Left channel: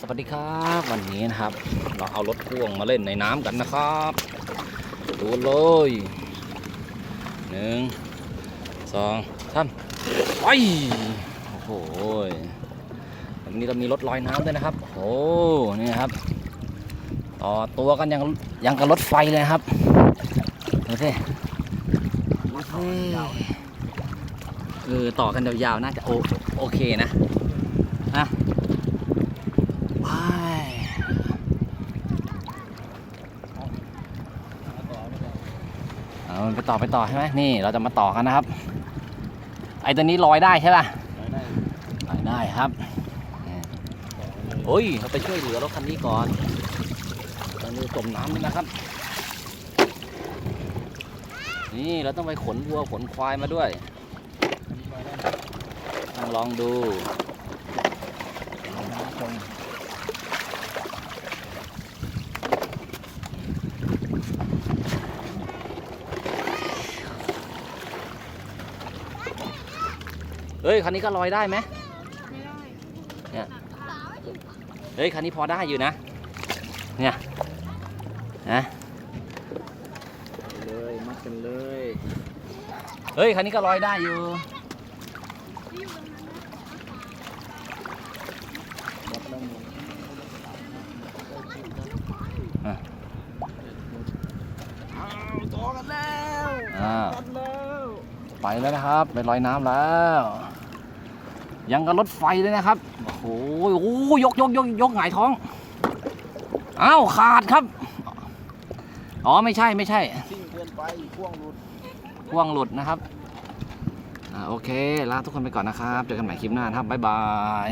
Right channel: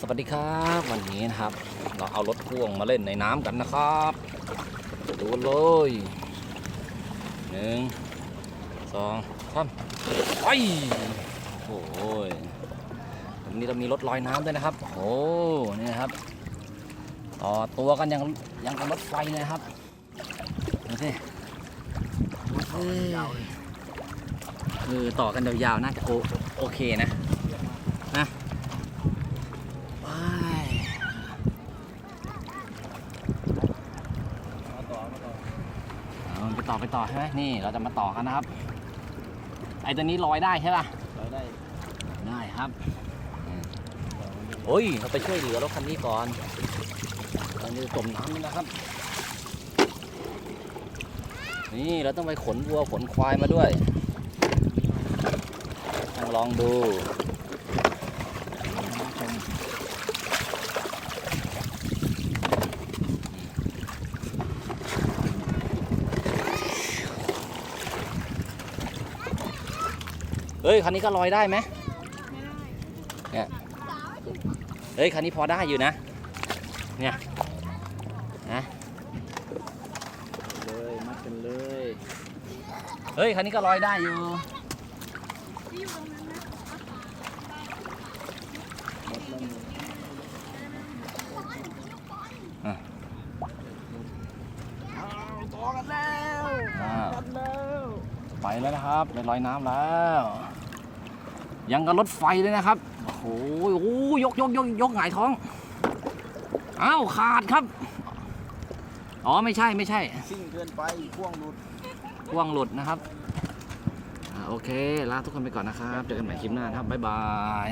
สวัสดีครับวันนี้นะครับ เราเอารถพ่วงมาเล่นในน้ำกันนะครับ ดูเลยหนึ่งสองสามไปโอ้โหวันนี้เรามีรถลอยน้ำด้วยนะครับโอ้โหนี่ครับ ต่อตัวกันยังยังกับรถไฟเลยครับดูสิเออต่อกันยาวๆน่าจะโอโอเคนะนะ เอาไปต่อไปต่อใช่ไหมนี่เราจะมาต่อกันนะครับ ไอ้ตัวนี้ลอยได้ใช่ป่ะรายได้ลอยได้ครับโอ้ยเราไปช่วยเหลือรถคันนี้ก่อนตอนนี้จมน้ำนี่นะครับ นี่เราต้องไปขนวัวขนควายมาด้วย ต้องลองดู เฮ้ยคันนี้ก็ลอยได้ไหมไม่ได้เฮ้ยคันนี้พอได้อยู่นะ เนี่ยนะเลยมัดกันเลยเฮ้ยคันนี้ก็ลอยได้อยู่มัดแล้วหมดอะอ้าวต่อกันแล้ว อ้าว กันแล้ว ไปแล้วนะครับ ไปลอยน้ำแล้ว ยังกับรถไฟเลยนะครับ โอ้โหโอ้ยกยกยกยกหงายท้อง อ้าวขาดครับ อ๋อไม่ใช่ไม่ใช่ซิ่งเกินไปพ่วงหลุดพ่วงหลุดนะครับ อ่าโอเคลาทุกคนไปก่อนนะครับ เจอกันใหม่คลิปหน้านะครับบ๊ายบาย